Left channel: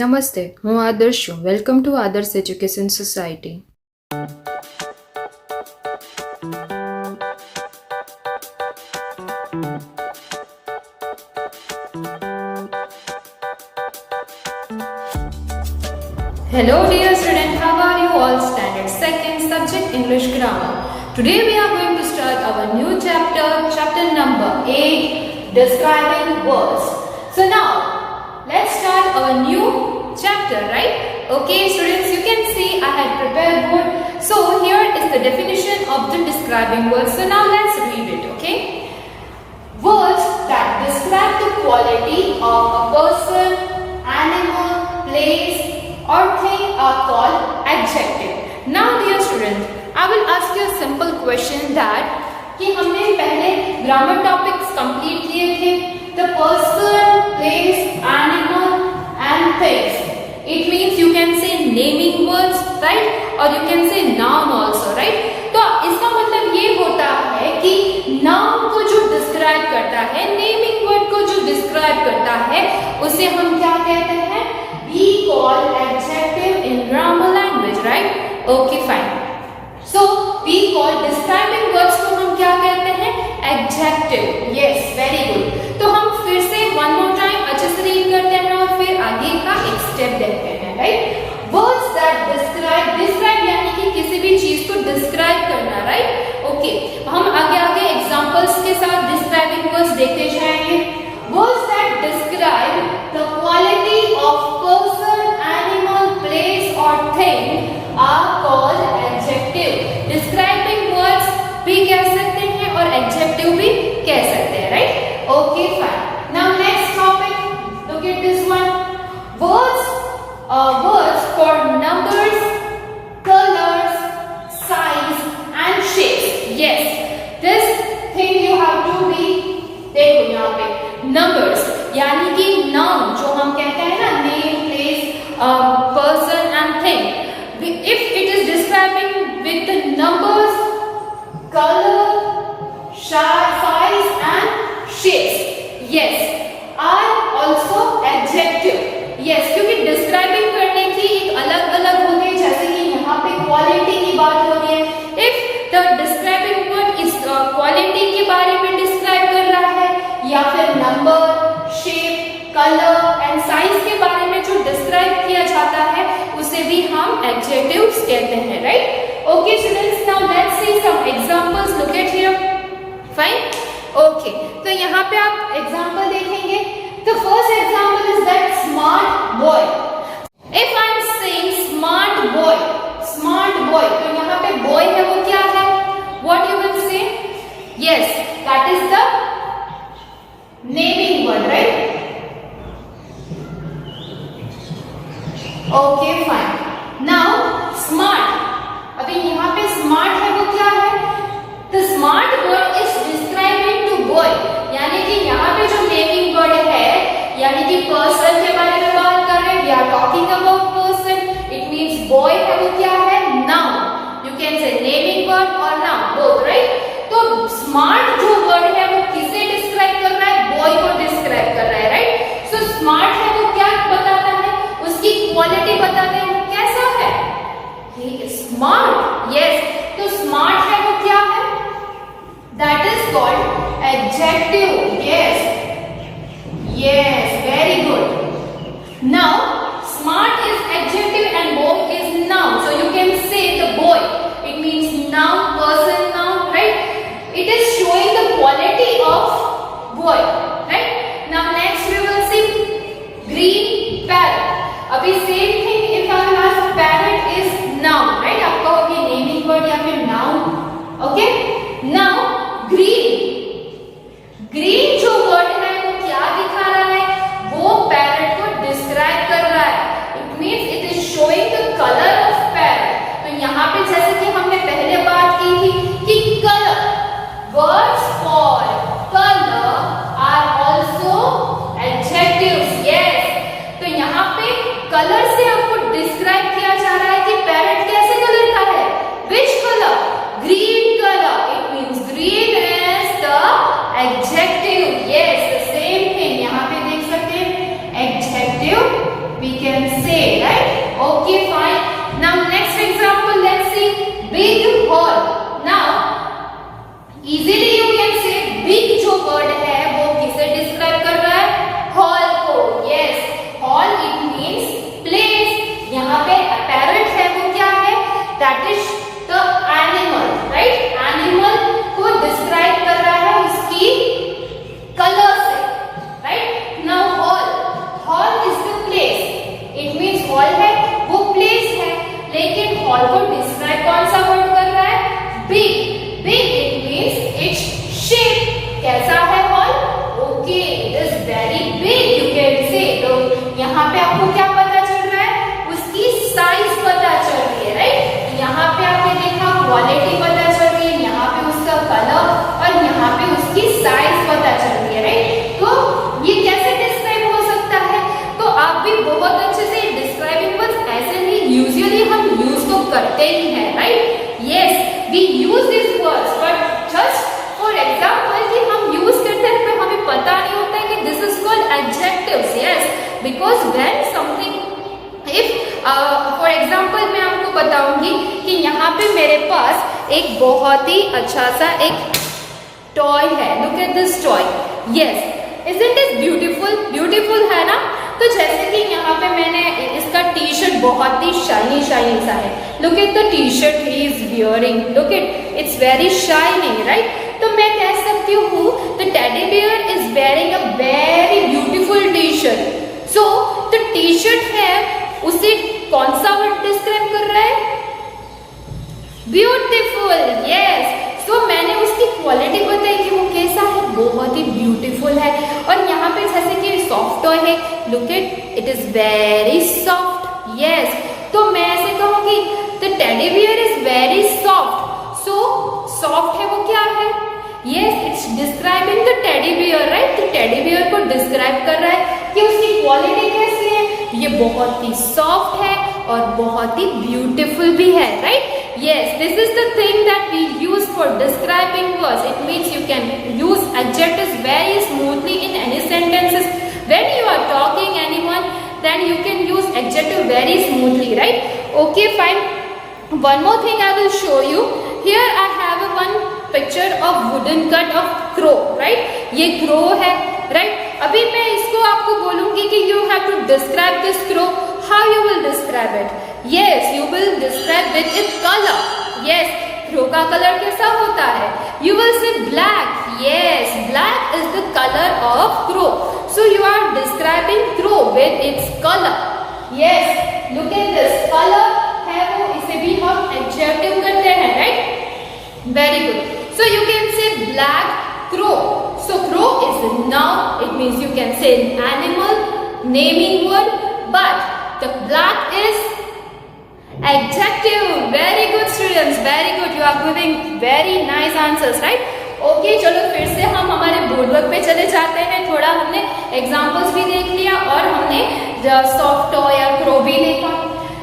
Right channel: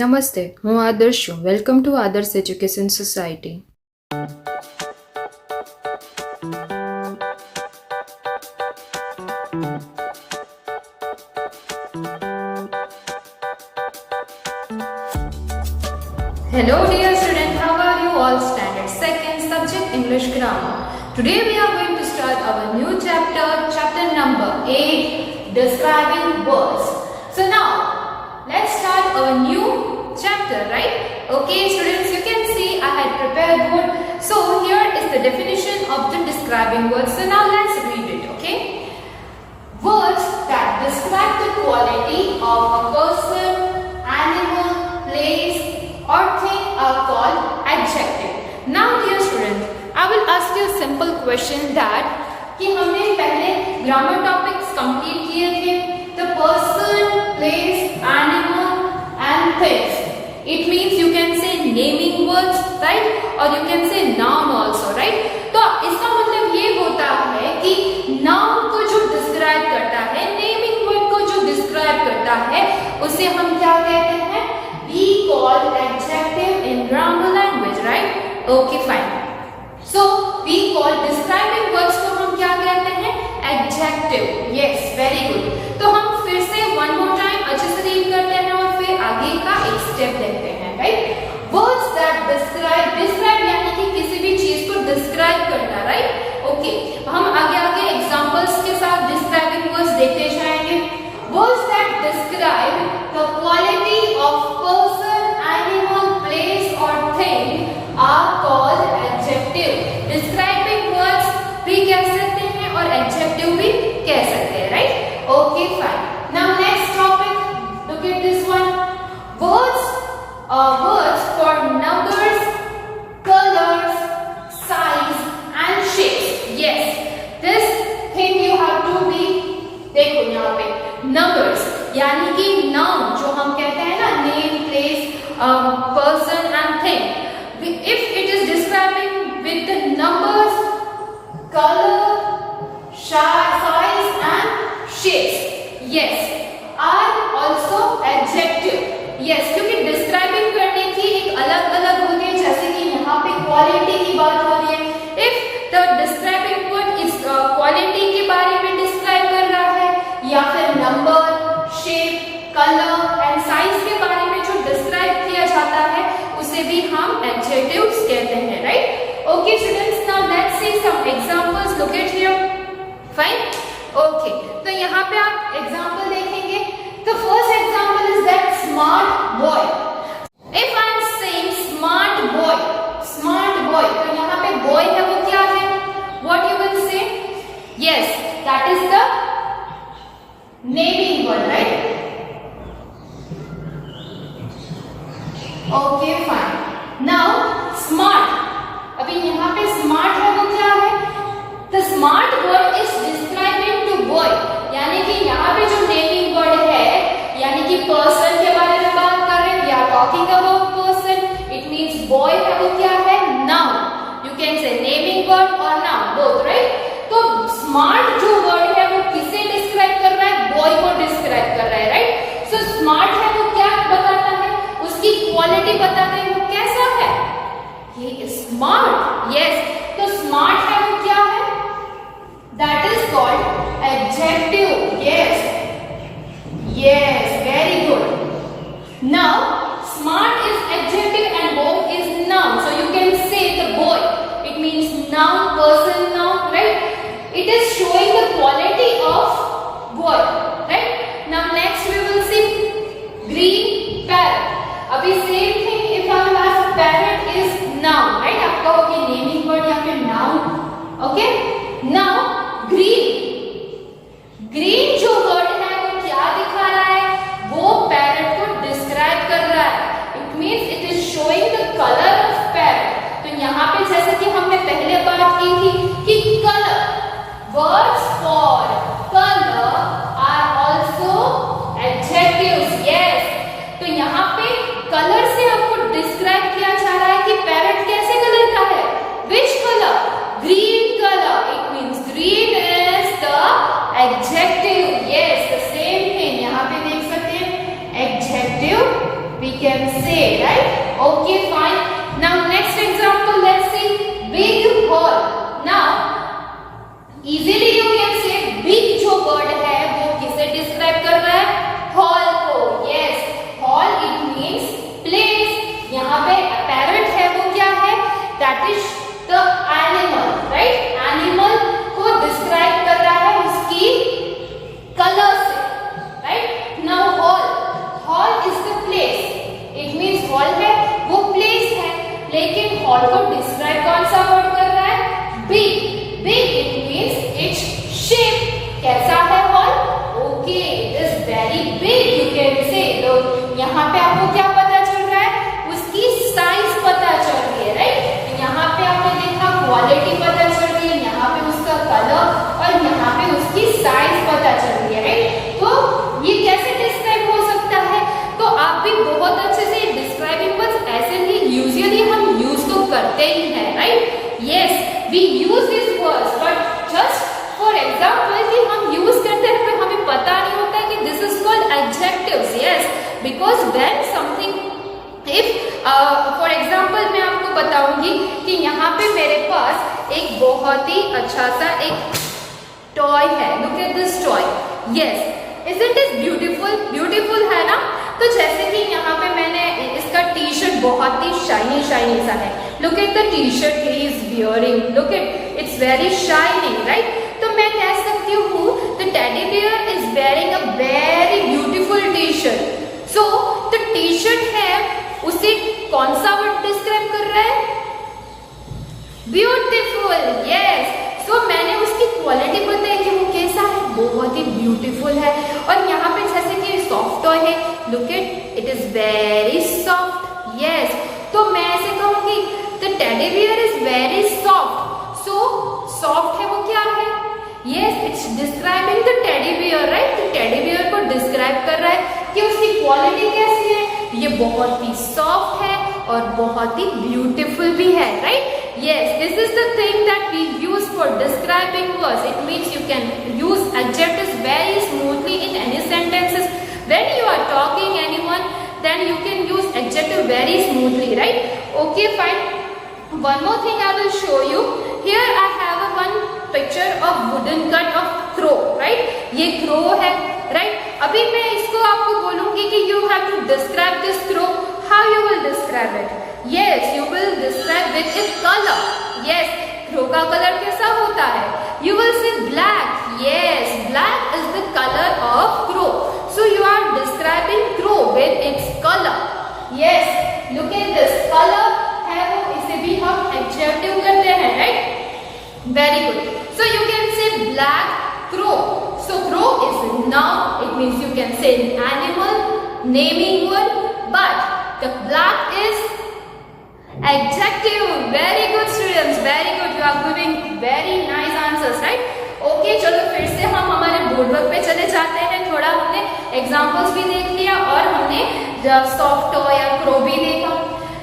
નમસ્તે, હું આદર્શ છું. વેલકમ ટુ આદર્શ education society. Hello dear student, how are you all? Standard 2nd subject English grammar. Today we are going to start our new chapter, chapter number 8, describing words. So now, let's start our new chapter, right? Okay students, you can see I had prepared word. So here is the definition of the describing words. So now let's read it, okay? Words that describe the quality of a person, animal, place or thing are called adjective. Now dear students, I will ask you a simple question that कि हमने पहले grammar topics complete किए थे, the person, place, animal and things. It means you can say naming words, right? Or you can say noun also, right? तो इसका मतलब ये होता है कि noun को जो describe करता है, naming word को जो describe करता है, उसे हम क्या कहते हैं? We call adjective in grammar language, right? Okay, fine. So we call describing words को हम क्या कहते हैं? Adjective. Yes, very good. तो हम फिर से one more time अच्छे से रीड करते हैं और फिर आगे का एक स्टेप देखते हैं, right? Words that describe यानी कि किसी भी चीज को describe करना, right? Okay. हम आगे एग्जांपल्स के साथ describing words देखते जाएंगे. Words that describe the quality of person, animal, place or thing are called adjective. Describing words भी कह सकते हैं और adjective भी कह सकते हैं, right? Okay, fine. Now next topic, look at this one. Words for numbers, colors, size and shapes. Yes, this thing you have to be, देखो यहाँ पे numbers यानी कि noun जो हम कहते हैं ना, name, place, person and thing. If it is describing with the numbers, color, size and shapes, yes, are also adjective. Yes, क्योंकि describing करने की एक अलग-अलग होती है, जैसे कि यहाँ पे quality की बात हो रही है. If the describing word is quality के बारे में describe कर रहा है या फिर number, shape, color and size के बारे में जो describe किया जाता है उसे भी हम adjectives कहते हैं, right? Okay students, now let's see some examples. Look at here. Fine? Okay. तो यहाँ पे आप example देखेंगे. The first example is that smart boy. If I am saying smart boy, तो यहाँ पे boy है वो क्या है? What you will say? Yes, that is the naming word, right? Okay, fine. Now smart. अभी यहाँ पे smart है वो क्या है? The smart word is describing to boy. यानी कि यहाँ पे जो naming word है, यानी कि person के बारे में बात कर रहे हैं. We are talking about person. It means boy है वो क्या है? Noun. You can say naming word or noun, both, right? तो smart जो word है वो किसे describe कर रहा है? Boy को describe कर रहा है, right? So smart है वो क्या बताता है? उसकी quality बताते हैं वो कैसा है? He is smart. Yes. तो smart है वो क्या है? That is called adjective. Yes. Yes, very good. Now, smart is adjective and boy is noun. So you can say the boy. It means noun, person, noun, right? It is showing the quality of boy, right? Now next we will see green parrot. अभी same thing if I will ask parrot is noun, right? आप कहोगे naming word या फिर noun. Okay? Now green जो word है वो क्या दिखा रहा है? वो parrot को describe कर रहा है. It means it is showing the color of parrot. तो यहाँ पे जैसे कि हमने पहले बात की थी कि color, words for color are also adjectives. Yes. तो यहाँ पे color से हमको describe किया जा रहा है कि parrot कैसे color का है? Which color? Green color. It means green is the adjective. Yes, the same thing. यहाँ पे देख सकते हैं adjective we can say, right? Okay, fine. Now next example, let's see big hall. Now easily you can say big जो word है वो किसे describe कर रहा है? Hall को. Yes, hall it means place. यहाँ पे apparent है वो क्या है? That is the animal, right? Animal को describe कर रहा है उसकी color से, right? Now hall is the place. It means hall है वो place है, लेकिन hall को describe कौन सा word कर रहा है? Big. Big it means its shape. कैसा है hall? Okay, it is very big you can say. तो यहाँ पे आपको क्या पता चल रहा है? उसकी size पता चल रही है, right? यहाँ पे आपने देखा क्वालिटी पता चल रही है, यहाँ पे उसका कलर और यहाँ पे उसकी साइज पता चल रही है, राइट? तो ये कैसे डिस्क्राइब हो सकता है? तो आप भी बहुत अच्छे से डिस्क्राइबिंग वर्ड्स ऐसे ही यूजुअली हम यूज तो करते ही हैं, right? Yes, we use this words, but just for example कि हम यूज करते हैं पर हमें पता नहीं होता है कि this is called adjectives. Yes, because when something if for example मैं आपको बताऊंगी कि यहाँ पे मेरे पास एक बहुत ही अच्छा सा एक टॉय है. Look at this toy. Yes, isn't it beautiful? Beautiful है ना? तो जैसे कि यहाँ पे मैंने इसका टी शर्ट बहुत ही शाइनी सा है. Look at the T shirt he is wearing. Look at its very shining, right? तो मैं कह सकती हूँ the teddy bear is wearing a very beautiful T shirt. So the T shirt है उसे कौन सा वर्ड डिस्क्राइब कर रहा है? ब्यूटीफुल. यस, सो मैंने उसकी क्वालिटी बताई कि वो कैसा है, बहुत ही ब्यूटीफुल है. और यहाँ पे जैसे कि सॉफ्ट टॉय है, look it is very soft. Yes, तो मैं ऐसे कहूंगी the teddy bear is very soft. So soft है वो क्या है? Yes, it's describing the teddy bear, right? तो टेडी बियर को डिस्क्राइब कर रहा है कि उसकी क्वालिटी कैसी है. ये बहुत ही सॉफ्ट है और बहुत ही ब्यूटीफुल भी है, right? Yes, this is the thing that we use for describing words. It means you can use adjectives very smoothly in any sentences. When you are talking anyone, then you can use adjective very smoothly, right? Okay, fine. One more thing I will show you. Here I have a one picture of wooden cut of crow, right? ये crow है, right? अभी मैं इसको आपको बोलूंगी कि you have to describe this crow. How you will describe it? Yes, you will describe with its color. Yes, crow का colour कैसा होता है? You will say black. Yes, black is the color of crow. So you are describing crow with its color. Yes, look at this color है वो, इसे भी हम adjective करते हैं, right? Very good. So you can say black crow. So crow is a noun. It means you can say an animal, naming word, but the black is adjective. Very good students, very good. You are giving very nice answers, right? Okay, चलो फिर से हम हमारे board work पे चले जाते हैं. थोड़ा हमने एग्जांपल्स भी देख लिया और हमने सॉफ्ट टॉय या क्रो भी देखा.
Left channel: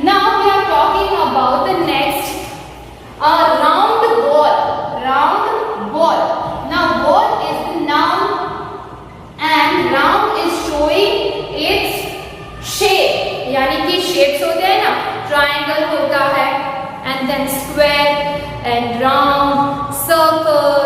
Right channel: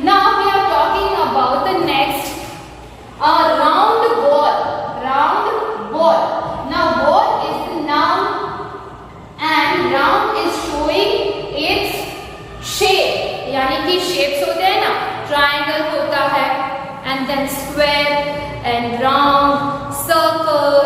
Now we are talking about the next round ball. Round ball. Now ball is the noun and round is showing its shape. यानी कि शेप्स होते हैं ना, ट्राइंगल होता है and then square and round, circle.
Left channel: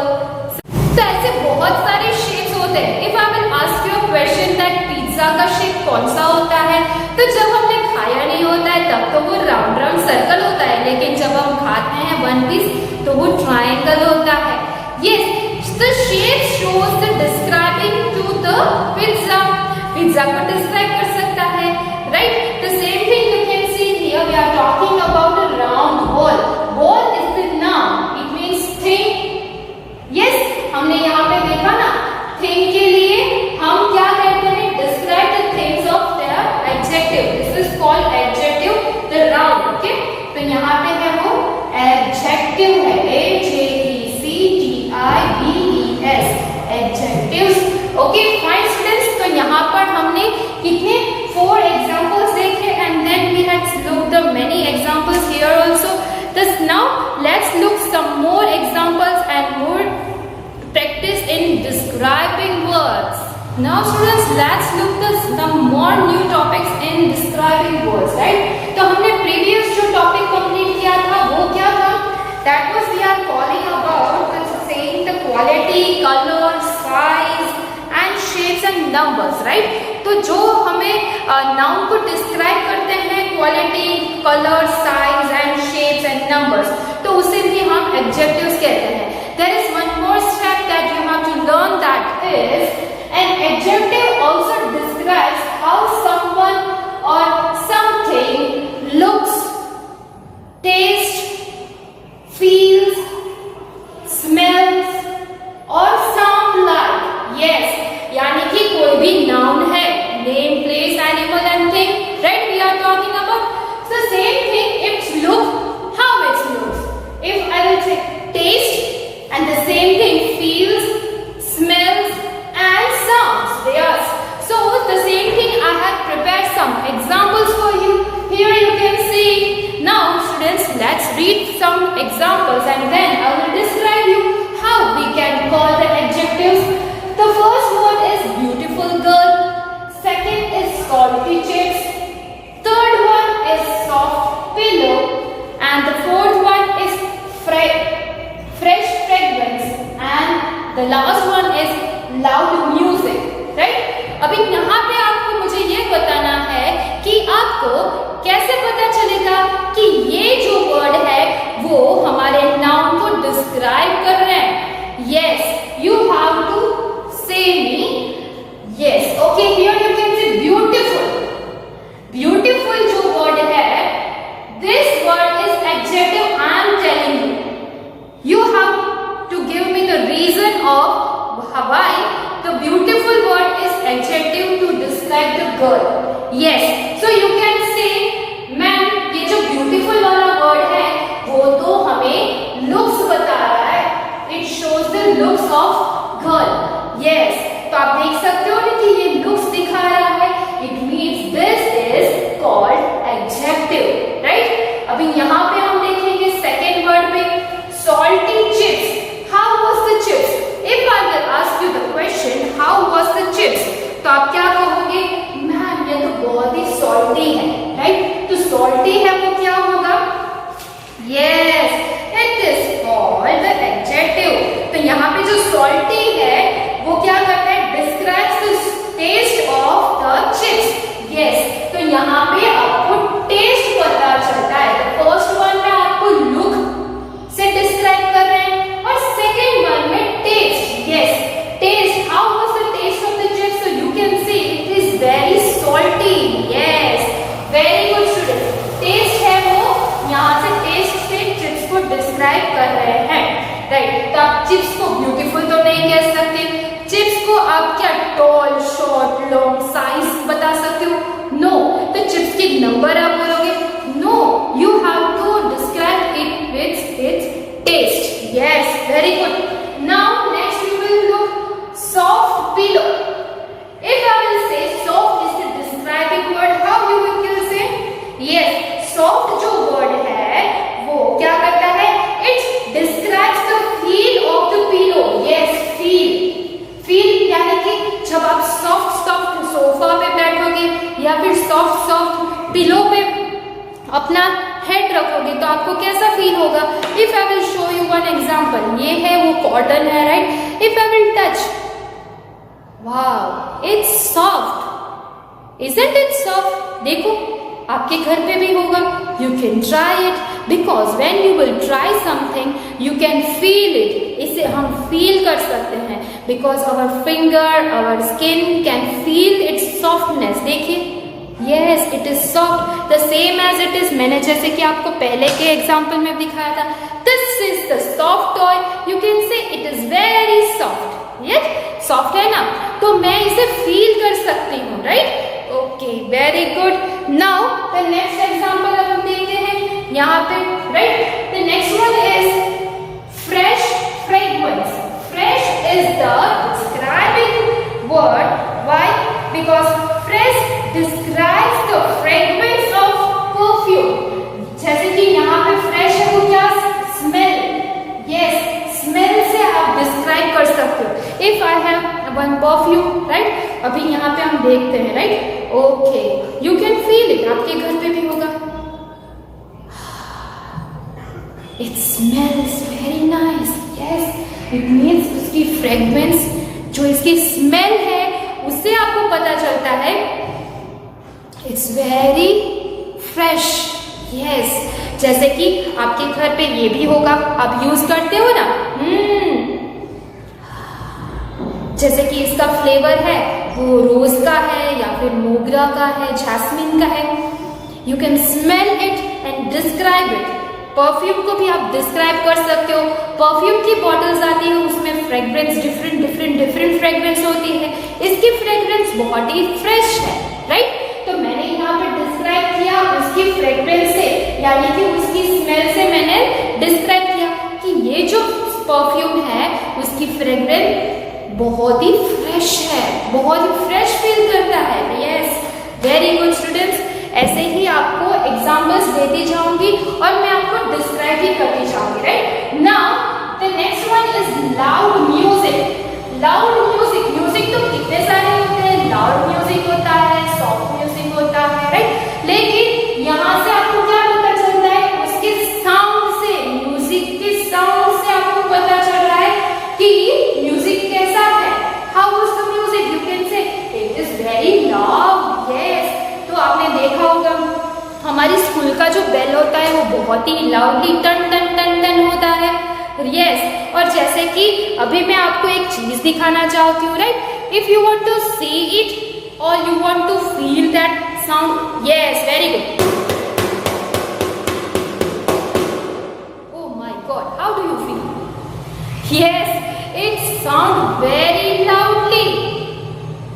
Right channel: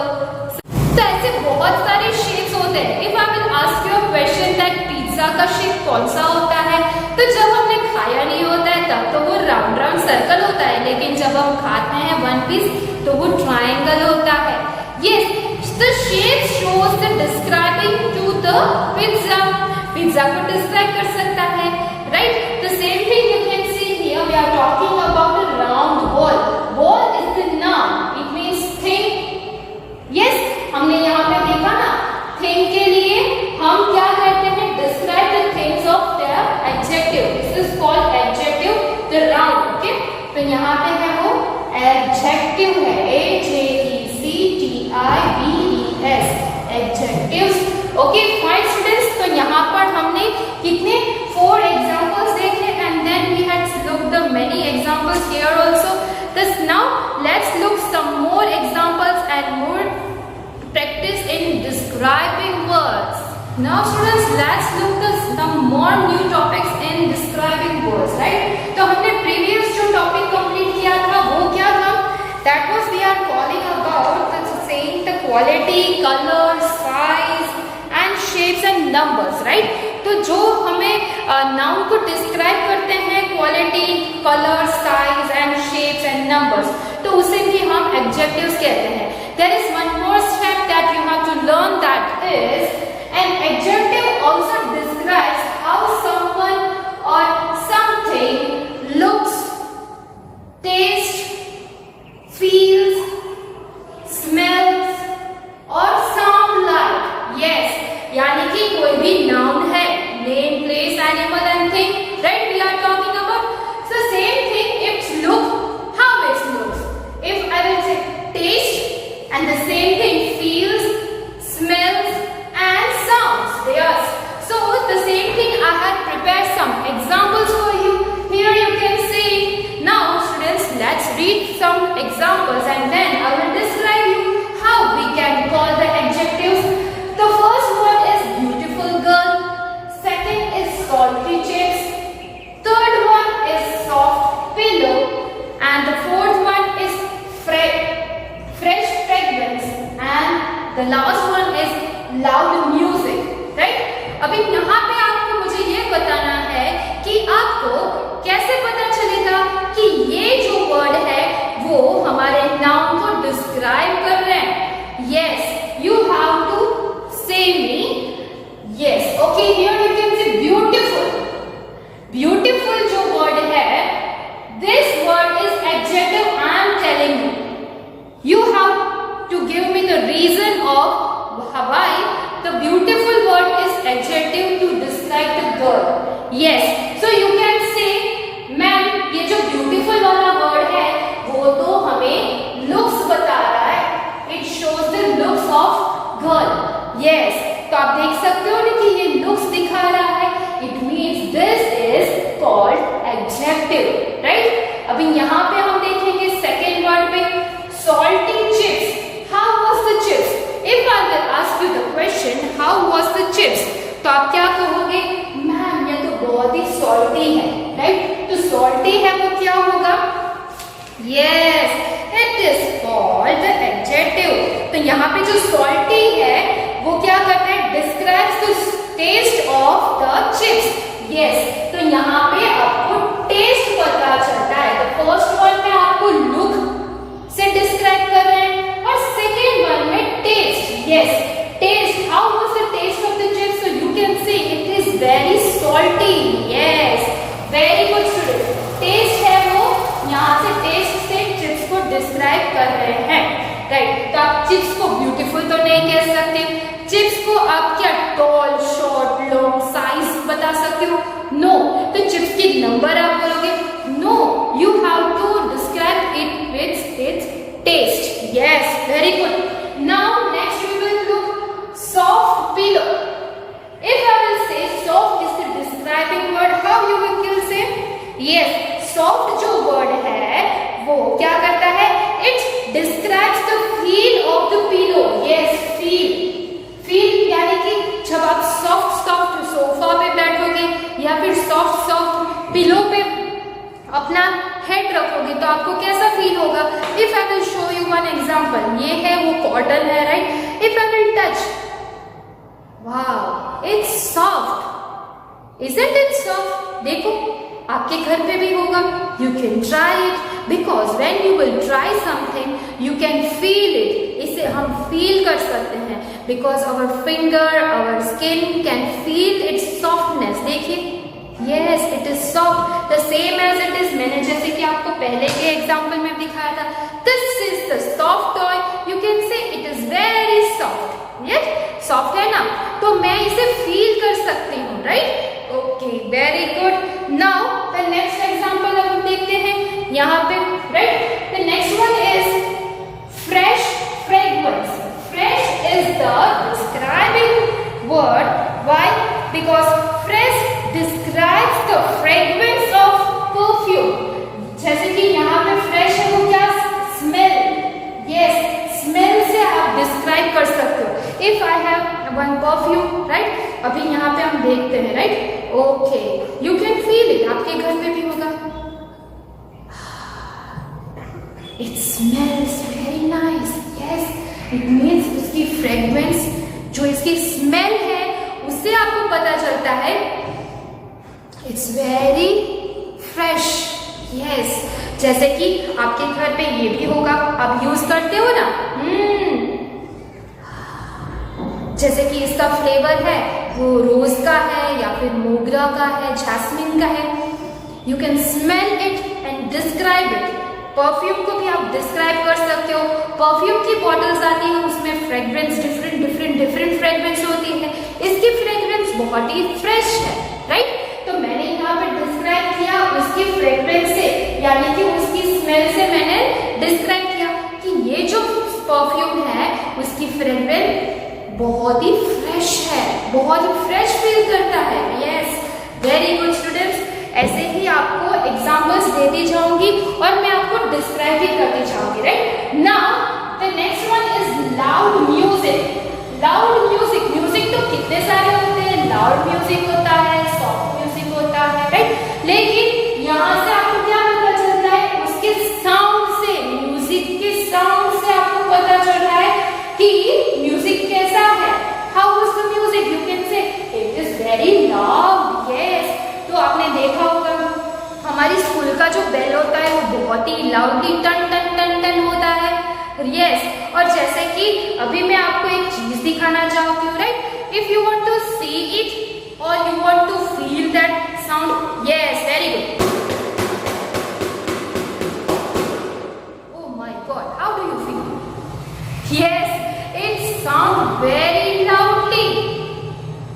तो ऐसे बहुत सारे शेप्स होते हैं. If I will ask you a question that pizza का शेप कौन सा होता है, तो जब हमने खाया नहीं होता है तब तो वो राउंड राउंड सर्कल होता है, लेकिन जब हम खाते हैं वन पीस तो वो ट्राइंगल होता है. Yes, the shape shows the describing to the pizza. Pizza को डिस्क्राइब कर सकता है, right? The same thing you can see here. We are talking about a round ball. Ball is the noun. It means thing. Yes, हमने यहाँ पे देखा ना, thing के लिए हम क्या कहते हैं? Describe the things of their adjective. This is called adjective. The round. Okay? तो यहाँ पे है वो adjective है. AJECTIVES. Adjectives. Okay, fine students. तो यहाँ पर हमने कितने 4 examples देखे and then we had looked the many examples here also. Thus now let's look some more examples and more practice in describing words. Now students, let's look at some more new topics in describing हमने previous जो topic complete किया था वो क्या था? That was we are calling about saying the quality, colour, size and shapes and numbers, right? तो जो हमें नाउन को डिस्क्राइब करते हैं, quality, colour, size and shapes and numbers, तो उसे भी हम एडजेक्टिव्स कहते हैं. There is one more step that you have to learn, that is an adjective also describes how someone or something looks, tastes, feels, smells or sound like. Yes, यानी कि कोई भी noun है, name, place, animal and thing, right? We are talking about the same thing. Its look, how it looks. If I will say taste, and the same thing feels, smells and sounds. Yes. So the same thing, I had prepared some examples for you. Here you can see. Now students, let's read some examples and then I will describe you how we can call the adjectives. The first one is beautiful girl. Second is salty chips. Third one is soft pillow. And the fourth one is fresh fragrance, and the last one is loud music, right? अभी यहाँ पे आपको मुझे ये बताना है कि आपको कैसे पता चलेगा कि ये जो वर्ड है वो हमारे नाउन को डिस्क्राइब कर रहे हैं. Yes, you have to say me. Yes, okay. Here you can say beautiful. Beautiful जो वर्ड है, this word is adjective. I am telling you. You have to give me the reason of why the beautiful word is adjective to describe the girl. Yes, so you can say, ma'am, ये जो beautiful वाला word है वो तो हमें looks बता रहा है. It shows the looks of girl. Yes, तो आप देख सकते हो ना कि ये looks दिखा रहा है. It means this is called adjective, right? अभी यहाँ पे हम देखेंगे second word पे salty chips. How was the chips? If I will ask you the question, how was the chips? तो आप क्या कहोगे? मैम ये तो बहुत ही salty है, right? तो salty है वो क्या होगा? Yes, it is called the adjective. तो यहाँ पे जो salty है वो क्या करता है? Describes the taste of the chips. Yes, तो यहाँ पे आपको taste पता चलता है. The first one में आपको look से डिस्क्राइब कर रहे हैं और सेकेंड वन में taste. Yes, taste. How was the taste of the chips? So you can see it is very salty. Yes, very good student. Taste है वो, यहाँ से टेस्ट से चिप्स को डिस्क्राइब कर रहे हैं, राइट? तो आप चिप्स को ब्यूटीफुल तो नहीं कह सकते. चिप्स को आप क्या टॉल, शॉर्ट, लॉन्ग, साइज बता सकते हो? नो. तो चिप्स की नंबर आप बोलोगे? No, you have to describe it with its taste. Yes, very good. Now next we will look soft pillow. If I will say soft is the describing word, how you will say? Yes, soft जो word है वो क्या करता है? It describes the feel of the pillow. Yes, feel. Feel यानी कि जब आप soft सोफा पे बैठोगे या फिर soft पिलो पे अपना हेड रखोगे तो आपको कैसा फील होगा? If I will show you one example, ये है वो कॉटन है, right? If I will touch, wow, it's soft. Isn't it soft? देखो आपके घर पे भी होगा. You can try it because when you will try something you can feel it. इसे हम फील कर सकते हैं because our finger, our skin can feel its softness. देखिए, Yes, it is soft. The same as it is. मैंने जैसे कि आपको पहले के एग्जाम्पल में दिखाया था. This is the soft toy. You can say it is very soft. Yes, soft है ना? तो मैं इसे फील कर सकती हूँ, right? Okay, very good. Now the next example हम देखते हैं यहाँ पे, right? The next one is fresh fragrance. Fresh is the describing word. Why? Because fresh describes the fragrance of perfume. जैसे कि यहाँ पे fresh है वो क्या? Smell. Yes, smell से आप describe कर सकते हो. If I have one perfume, right? अभी यहाँ पे हम देखते हैं, right? Okay, you can feel it. आपके घर पे भी होगा. Very fresh. यस, जैसे कि आपके घर पे ये भी होगा, आप यूज करते हो ना। जैसे कि इसका फ्लेवर है वो रोज का है या फिर मोगरा का है, जैस्मिन का है। You can smell it and describe it. Perfume को भी आप डिस्क्राइब कर सकते हो। परफ्यूम की बॉटल्स आती है, उसमें फ्रेग्रेंस डिफरेंट फ्रेग्रेंस होती है। इसकी फ्रेग्रेंस बहुत ही फ्रेश है, राइट। तो मैंने यहाँ पे डिस्क्राइब किया उसकी फ्रेग्रेंस से, यानी कि उसकी स्मेल से मैंने डिस्क्राइब किया कि ये जो परफ्यूम है उसकी फ्रेग्रेंस बहुत ही फ्रेश है, बहुत ही फ्रेश फील करता है। Yes, very good students. ऐसे ही आपको एग्जांपल्स देती जाऊंगी और मैं आपको डिस्क्राइब भी करती जाऊंगी, right. Now the next one is loud music. Loud music, music तो कितने सारे होते हैं। लाउड म्यूजिक होता है, सॉफ्ट म्यूजिक होता है, राइट। लेकिन यहाँ से आपको क्या पता चलता है, उसके साउंड से, म्यूजिक के साउंड से आपको पता चल रहा है कि म्यूजिक कैसा है। How is the music, you can say it is very loud. Yes, तो आपने देखा होगा हमारी स्कूल का जो बेल होता है वो बहुत ही लाउडली टन टन टन टन होता है। यस, और जैसे कि अभी मैं आपको एक चीज दिखाना चाहती हूँ, right. If you want to see it और you want to feel that sound, yes, very good. Oh my God, how do you feel? Yes, it sound very loudly.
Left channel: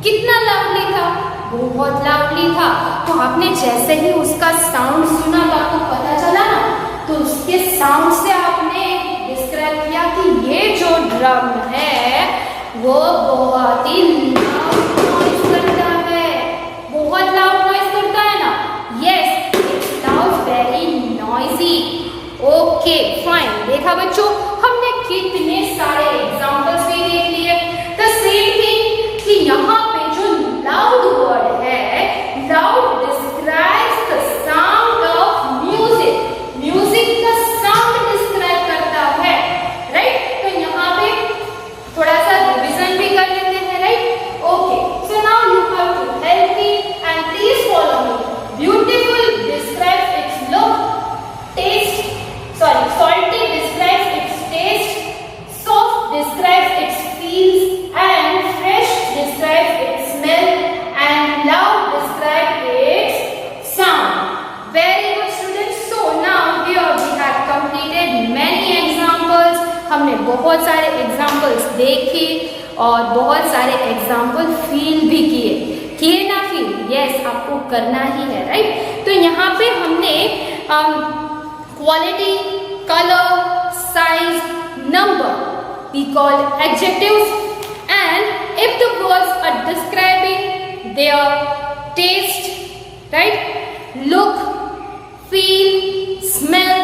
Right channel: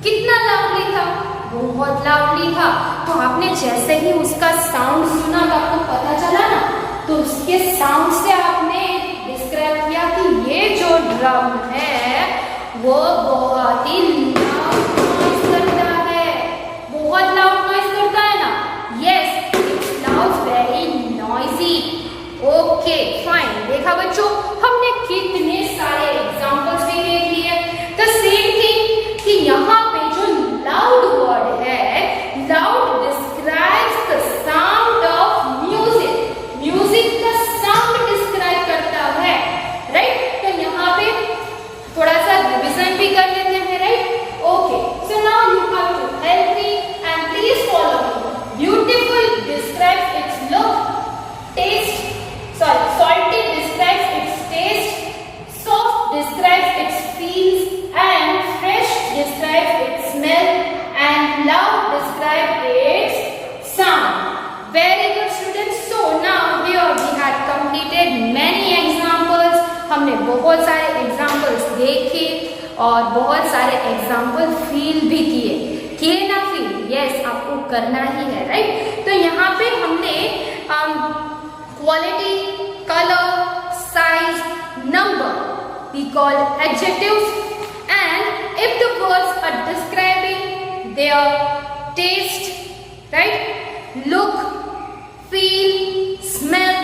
कितना लाउडली था? बहुत लाउडली था। तो आपने जैसे ही उसका साउंड सुना तो आपको पता चला ना, तो उसके साउंड से आपने डिस्क्राइब किया कि ये जो ड्रम है वो बहुत ही लाउड नॉइज करता है। बहुत लाउड नॉइज करता है ना। Yes, it sounds very noisy. Okay fine. देखा बच्चों, हमने कितने सारे एग्जांपल्स भी देख लिए। द सेम थिंग कि यहाँ पे जो लाउड वर्ड है, loud describes the sound of music. Music का साउंड डिस्क्राइब करता है, राइट। तो यहाँ पे थोड़ा सा रिविजन भी कर लेते हैं, right. Okay, so now you have to help me and please follow me. Beautiful describes its look, taste, salty describes its taste, soft describes its feels, and fresh describes its smell, and loud describes its sound. Very good students. So now here we have completed many examples. हमने बहुत सारे examples देखे और बहुत सारे example feel भी किए ना फील? यस, आपको करना ही है, राइट। तो यहाँ पे हमने quality, color, size, number we call adjectives, and if the words are describing their taste, right, look, feel, smell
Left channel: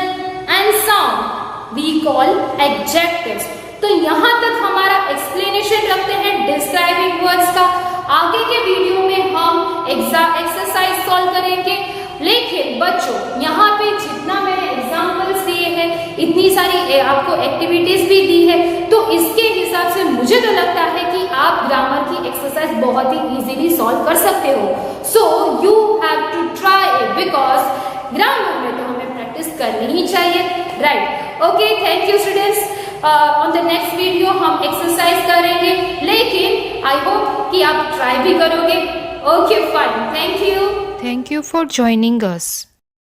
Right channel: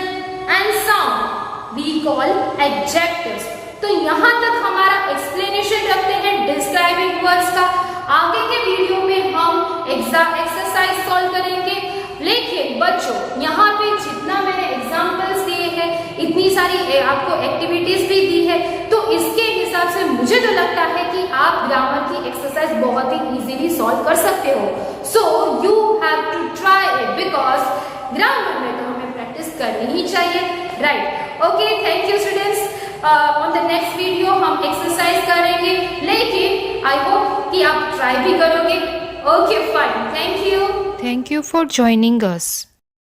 and sound we call adjectives. तो यहाँ तक हमारा एक्सप्लेनेशन रखते हैं डिस्क्राइबिंग वर्ड्स का। आगे के वीडियो में हम एक्सरसाइज सॉल्व करेंगे। लेकिन बच्चों, यहाँ पे जितना मैंने एग्जाम्पल्स दिए हैं, इतनी सारी आपको एक्टिविटीज भी दी है, तो इसके हिसाब से मुझे तो लगता है कि आप ग्रामर की एक्सरसाइज बहुत ही इजीली सॉल्व कर सकते हो। So you have to try it, because grammar में तो हमें प्रैक्टिस करनी ही चाहिए, right. Okay, thank you students. On the next video हम एक्सरसाइज करेंगे, लेकिन आई होप कि आप ट्राई भी करोगे। Okay fine, thank you. Thank you for joining us.